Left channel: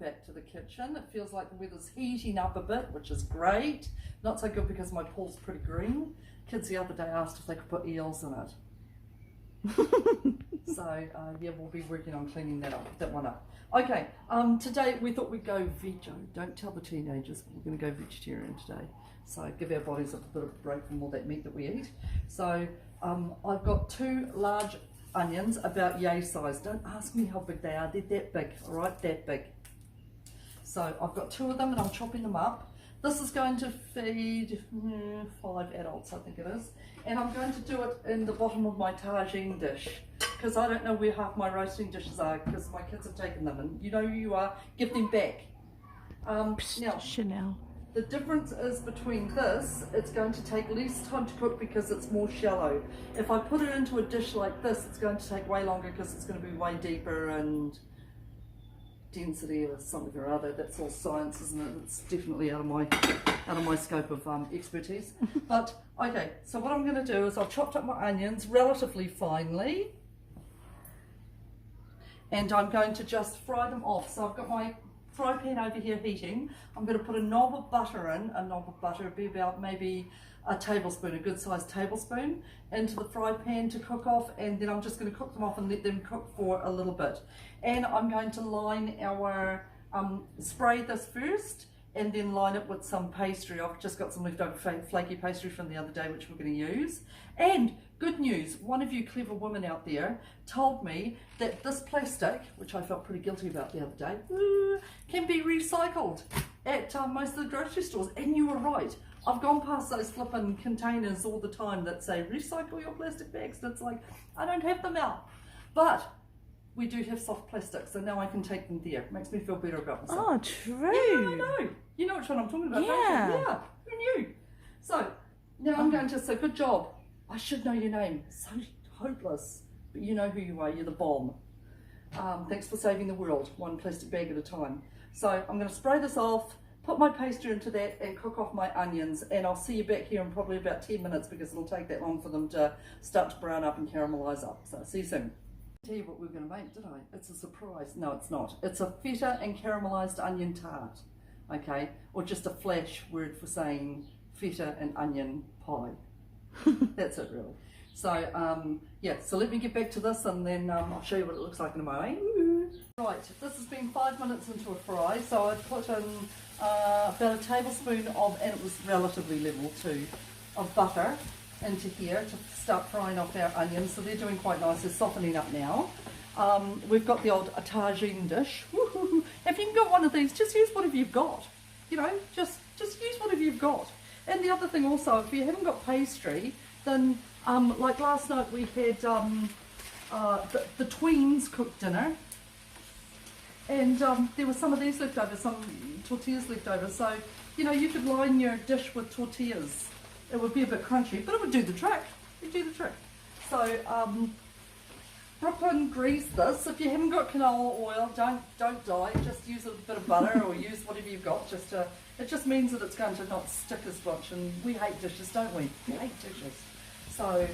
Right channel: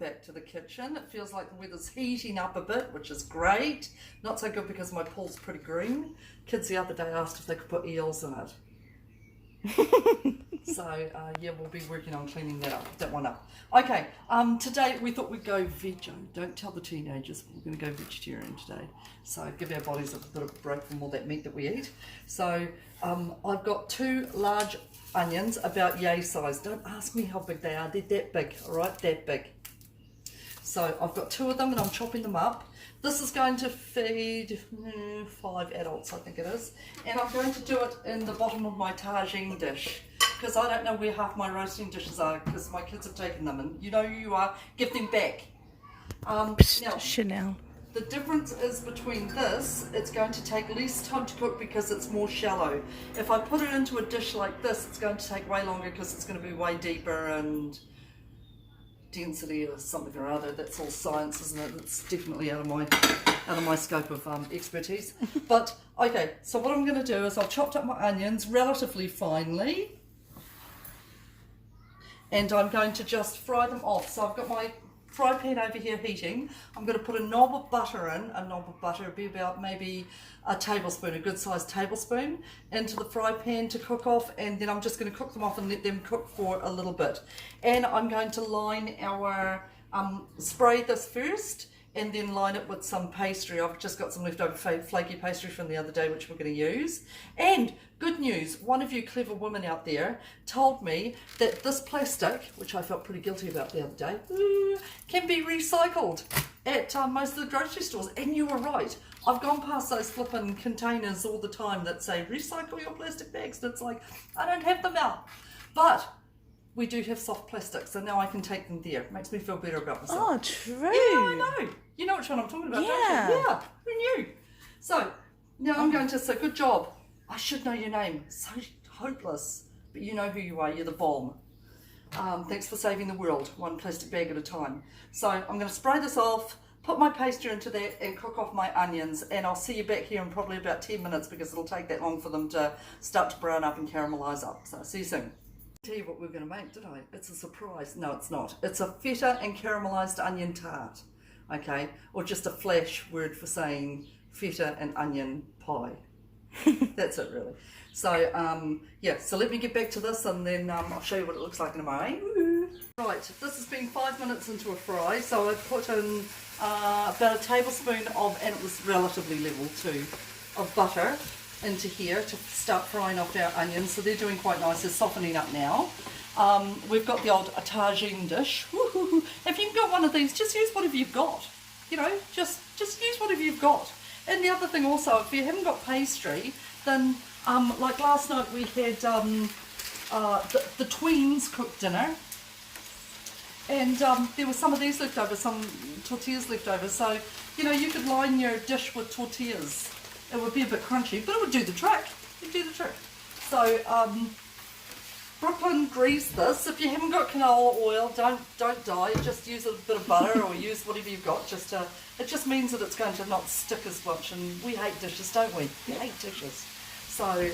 Back to the kitchen. It feels like the weather's heating up a bit, which is great. Not so good because my pool's pretty green. Kids the other day asked if they could put eels in it. So yeah, we'll be working on cleaning that one up. Okay, today we thought we'd go veggie. Don't tell the teenagers, we're going to go vegetarian today. So give our bodies a bit of a break from all that meat that we eat. So I've got 2 large onions, about yay size. Don't ask me how big they are. They're that big, all right, that big. So I've got 2 of them and I'm chopping them up. This is going to feed 5 adults, I think it is. And I'm going to do it in the bottom of my tagine dish, because I don't know where half my roasting dishes are, because my kids have taken them, and you know who you are, give them back. Now, Chanel. the difference is between this, it's going to take less time to cook because it's more shallow. If I put it into a dish like this, it's going to take way longer because it's going to be way deeper and density or something or other. That's all science, isn't it? It's definitely out of my scope of expertise. But okay, so what I'm going to do is I've chopped up my onions relatively finely, and I'm going to just fry them off. So I've got my fry pan over here heating. I'm going to put a knob of butter in. A knob of butter would be about maybe a tablespoon, a good sized tablespoon, into the fry pan to cook off, and then I'm just going to cook them off and let them cook for a little bit. And I'm going to line our, spray this first and then line it with some pastry. I've just got some leftover flaky pastry from the other day which we're going to use. And good news, one of you clever women out there told me that this plastic, which I felt pretty guilty about the other day, can be recycled at most of the grocery stores, and you were right. I've gone past those flippin' containers all the time that say recycle your plastic bags, and it's like, I don't have them out. But we do have soft plastic, so now I can take them there. It makes me feel better about myself. Oh, true. Yeah, I know. You know which one I'm talking about, don't you? Yeah, who knew? So now I'm going to say, good job. I should know your name. So hopeless, but you know who you are. You're the bomb. Thanks for saving the world, one plastic bag at a time. So I'm going to spray this off, put my pastry into that, and cook off my onions. And I'll see you back here in probably about 10 minutes because it'll take that long for them to start to brown up and caramelize up. So see you soon. Tell you what we're going to make, did I? It's a surprise. No, it's not. It's a feta and caramelized onion tart, okay? Or just a flash word for saying feta and onion pie. That's it, really. So, yeah, so let me get back to this, and then I'll show you what it looks like in a moment. Right, this has been 5 minutes into a fry, so I've put in about a tablespoon of, and it was relatively level too, of butter into here to start frying off our onions. So they're doing quite nice. They're softening up now. We've got the old tagine dish. If you've got one of these, just use whatever you've got. You know, just use whatever you've got. And the other thing also, if you haven't got pastry, then like last night we had the tweens cooked dinner, and there were some of these left over, some tortillas left over. So you know, you could line your dish with tortillas. It would be a bit crunchy, but it would do the trick. It'd do the trick. So Brooklyn greased this. If you haven't got canola oil, don't die. Just use a bit of butter or use whatever you've got. It just means that it's going to not stick as much. And we hate dishes, don't we? We hate dishes. So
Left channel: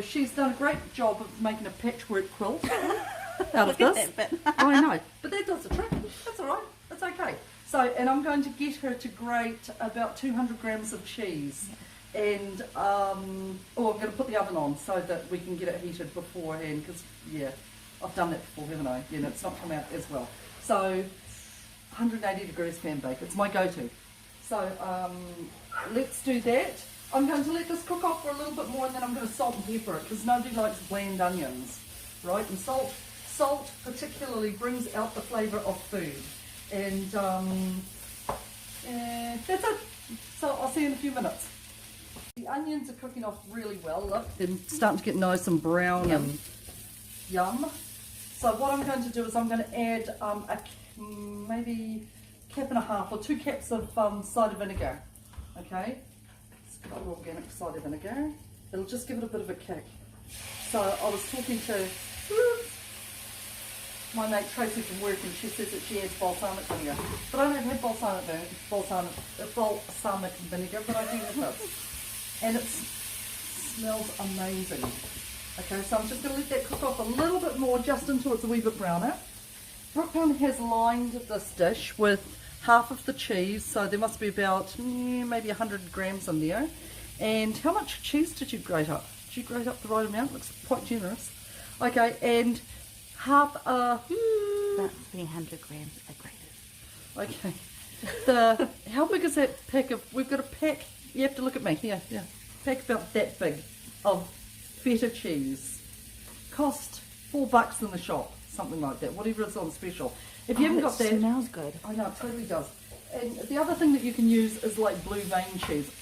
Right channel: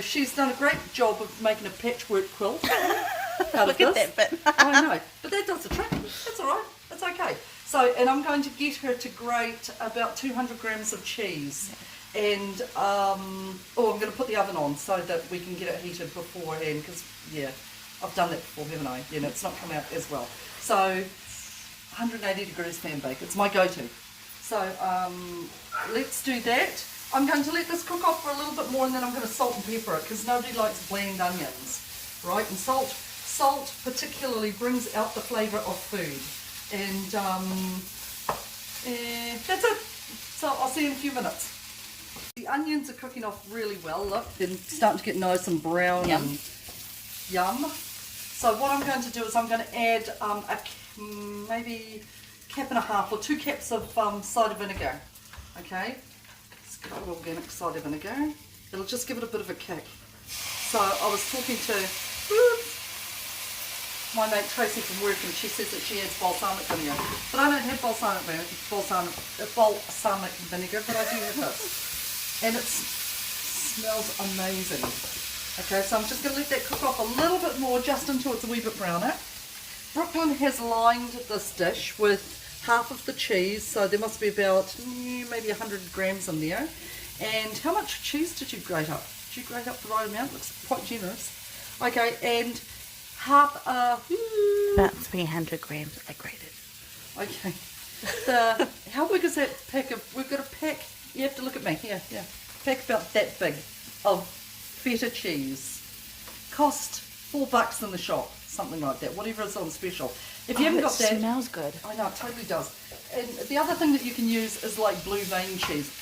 she's done a great job of making a patchwork quilt out Look of this. at that bit. I know, but that does the trick. That's all right. That's okay. So, and I'm going to get her to grate about 200 grams of cheese. And, I'm going to put the oven on so that we can get it heated beforehand, because, yeah, I've done that before, haven't I? You know, it's not come out as well. So, 180 degrees fan bake. It's my go-to. So, let's do that. I'm going to let this cook off for a little bit more, and then I'm going to salt and pepper it, because nobody likes bland onions, right? And salt particularly brings out the flavour of food. And that's it. So I'll see you in a few minutes. The onions are cooking off really well. Look, they're starting to get nice and brown. Yum. And yum. So what I'm going to do is I'm going to add maybe cap and a half or 2 caps of cider vinegar. Okay, it's good organic cider vinegar. It'll just give it a bit of a kick. So I was talking to my mate Tracy from work, and she says that she adds balsamic vinegar. But I don't have balsamic vinegar, but I do have this. And it smells amazing. Okay, so I'm just going to let that cook off a little bit more, just until it's a wee bit browner. Brooklyn has lined this dish with half of the cheese, so there must be about maybe 100 grams in there. And how much cheese did you grate up? Did you grate up the right amount? Looks quite generous. Okay, and half about 300 grams I grated. Okay. How big is that pack of? We've got a pack. You have to look at me. Here, yeah. Pack about that big of feta cheese. Cost $4 in the shop, something like that. Whatever is on special. If you haven't got that, it smells good. I know, it totally does. And the other thing that you can use is like blue vein cheese.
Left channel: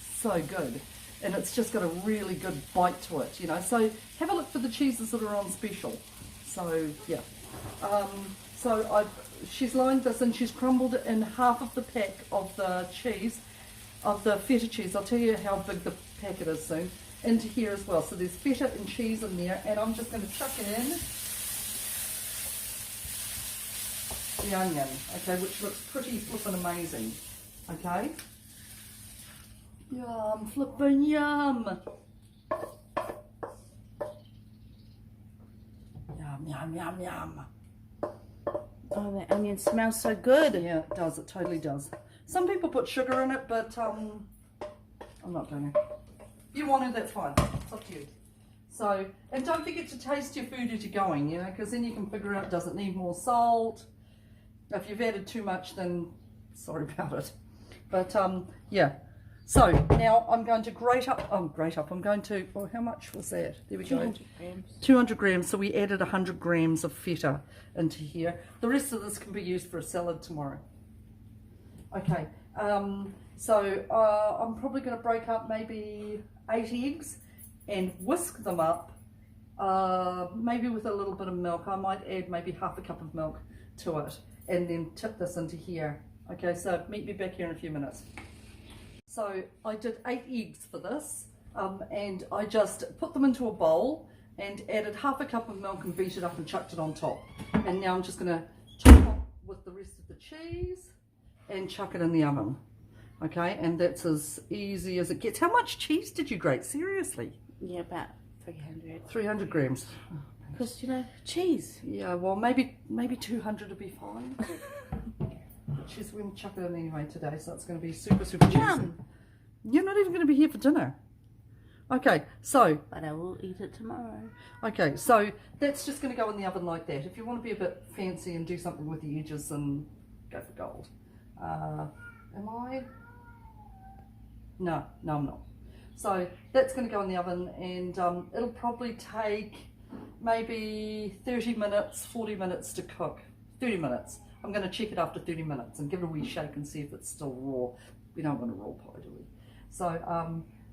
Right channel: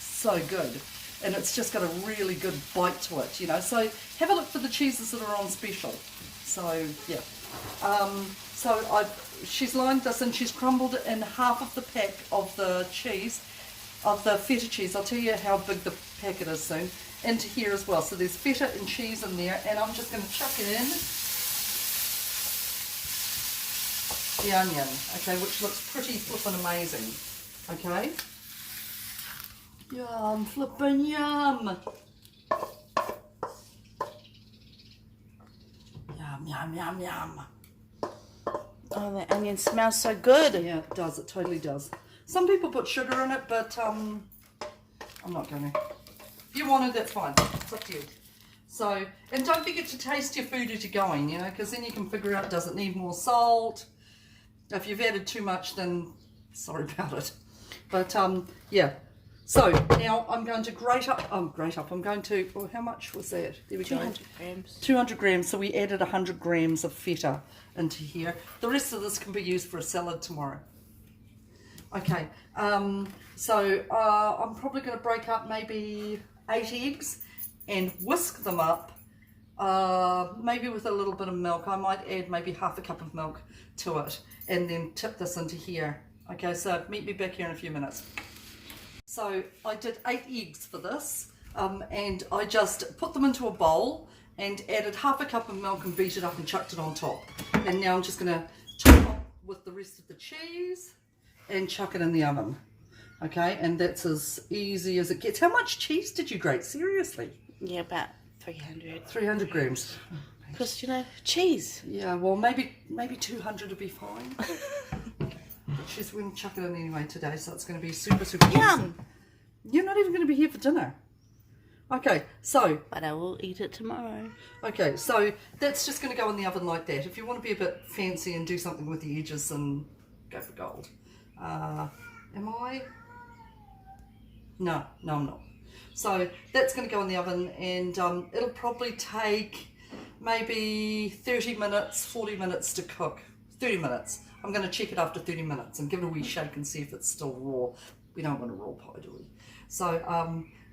So good. And it's just got a really good bite to it, you know. So have a look for the cheeses that are on special. So, yeah. She's lined this and she's crumbled in half of the pack of the cheese, of the feta cheese. I'll tell you how big the packet is soon. Into here as well. So there's feta and cheese in there. And I'm just going to chuck it in. The onion, okay, which looks pretty flippin' amazing, okay? Yum, flippin' yum! Yum, yum, yum, yum. Oh, the onion smells so good. Yeah, it does, it totally does. Some people put sugar in it, but I'm not going to. If you want it, that's fine, it's up to you. So, and don't forget to taste your food as you're going, you know, because then you can figure out, does it need more salt? If you've added too much, then sorry about it. But yeah. So now I'm going to grate up. I'm going to. Well, how much was that? There we go. 200 grams. 200 grams. So we added 100 grams of feta into here. The rest of this can be used for a salad tomorrow. Okay. So I'm probably going to break up maybe 8 eggs and whisk them up. Maybe with a little bit of milk. I might add maybe half a cup of milk to it. And then tip this into here. Okay, so meet me back here in a few minutes. So I did 8 eggs for this, and I just put them into a bowl and added half a cup of milk and beat it up and chucked it on top. And now I'm just going to top up with the rest of the cheese and chuck it in the oven. Okay, and that's as easy as it gets. How much cheese did you grate? Seriously? Yeah, about 300. 300 grams. Because, you know, cheese. Yeah, well, maybe 200 would be fine. She's going to chuck it in anyway today, so it's going to be super, super Yum! You're not even going to be here for dinner. Okay, so... But I will eat it tomorrow. Okay, so that's just going to go in the oven like that. If you want to be a bit fancy and do something with the edges, then go for gold. Am I? No, I'm not. So that's going to go in the oven, and it'll probably take maybe 30 minutes, 40 minutes to cook. 30 minutes. I'm going to check it after 30 minutes and give it a wee shake and see if it's still raw. We don't want a raw pie, do we? So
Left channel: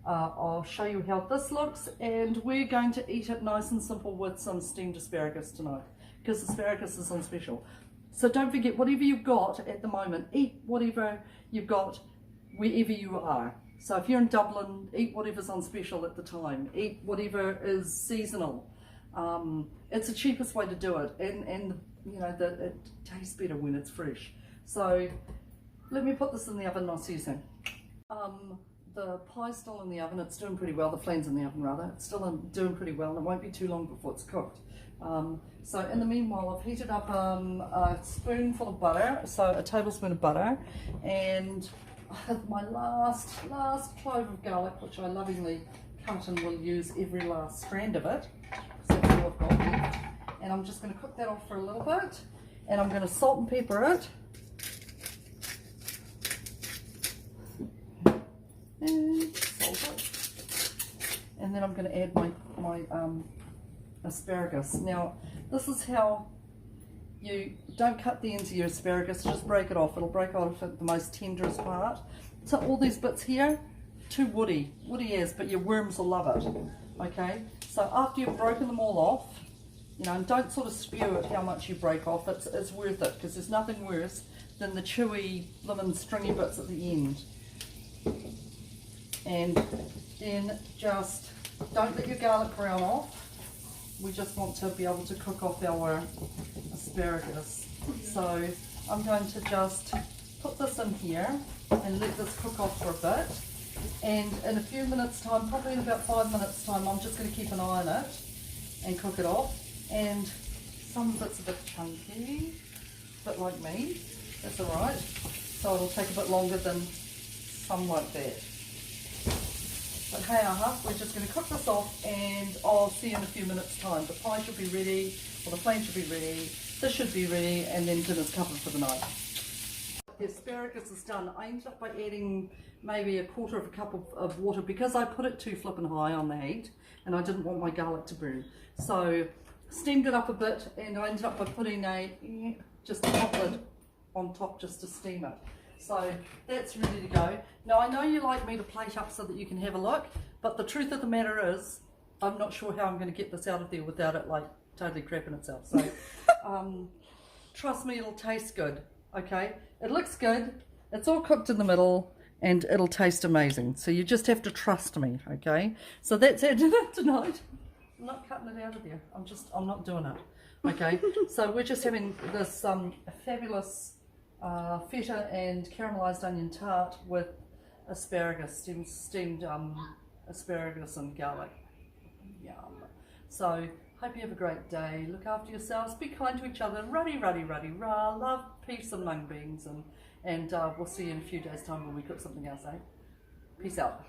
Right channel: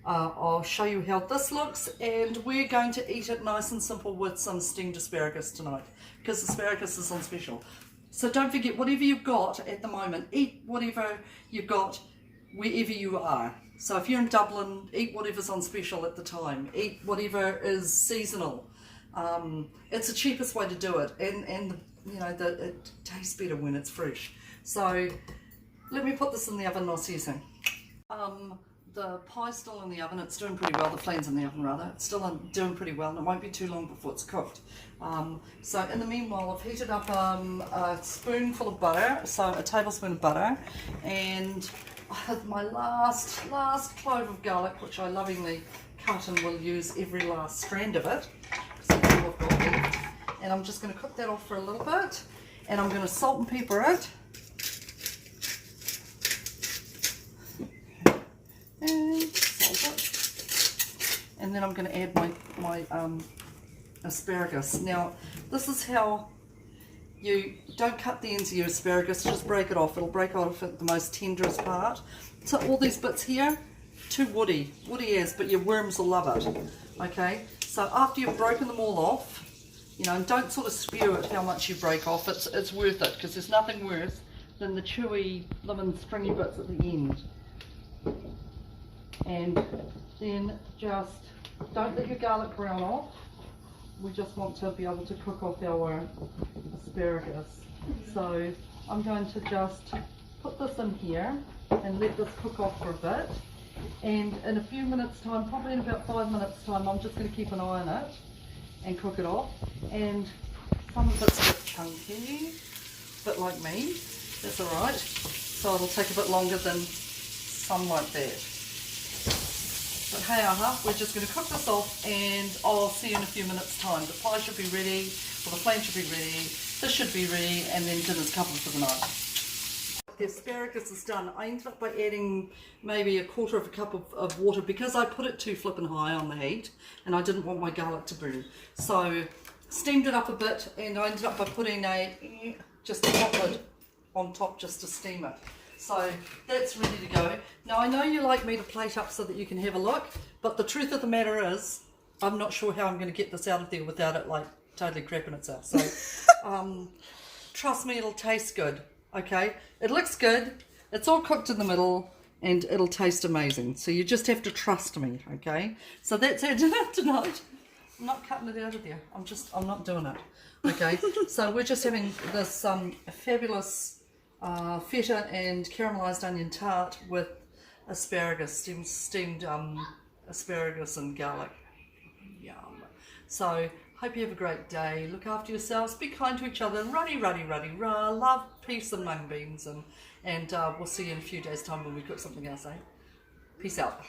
I'll show you how this looks, and we're going to eat it nice and simple with some steamed asparagus tonight, because asparagus is on special. So don't forget, whatever you've got at the moment, eat whatever you've got wherever you are. So if you're in Dublin, eat whatever's on special at the time. Eat whatever is seasonal. It's the cheapest way to do it, and you know that it tastes better when it's fresh. So let me put this in the oven and I'll see you soon. The pie's still in the oven. It's doing pretty well. The flan's in the oven rather. It's still doing pretty well, and it won't be too long before it's cooked. So in the meanwhile, I've heated up a spoonful of butter, so a tablespoon of butter, and my last clove of garlic, which I lovingly cut and will use every last strand of it, because that's all I've got left. And I'm just going to cook that off for a little bit, and I'm going to salt and pepper it. And salt it. And then I'm going to add my asparagus. Now, this is how you don't cut the ends of your asparagus, just break it off. It'll break off at the most tenderest part. So all these bits here, too woody as, but your worms will love it. Okay, so after you've broken them all off, you know, and don't sort of spew it how much you break off. It's worth it, because there's nothing worse than the chewy, lemon, stringy bits at the end. And then just don't let your garlic brown off. We just want to be able to cook off our asparagus. So I'm going to just put this in here and let this cook off for a bit. And in a few minutes time, probably in about 5 minutes time, I'm just going to keep an eye on it and cook it off. And Some of it's a bit chunky, a bit like me. That's alright. So it'll take a bit longer than some like that. But hey, we're just going to cook this off and I'll see you in a few minutes time. The pie should be ready, or the flan should be ready, this should be ready, and then dinner's covered for the night. The asparagus is done. I ended up by adding maybe a quarter of a cup of water because I put it too flippin' high on the heat and I didn't want my garlic to burn. So steamed it up a bit and I ended up by putting just a hot lid on top just to steam it. So that's ready to go. Now I know you like me to plate up so that you can have a look, but the truth of the matter is I'm not sure how I'm going to get this out of there without it like totally crapping itself. So trust me, it'll taste good. Okay, it looks good, it's all cooked in the middle and it'll taste amazing, so you just have to trust me. Okay, so that's our dinner tonight. I'm not cutting it out of there, I'm not doing it. Okay, so we're just having this fabulous feta and caramelized onion tart with asparagus, steamed asparagus and garlic. Yum. So hope you have a great day. Look after yourselves. Be kind to each other. Ruddy, ruddy, ruddy, rah. Love, peace and mung beans. And we'll see you in a few days' time when we cook something else, eh? Peace out.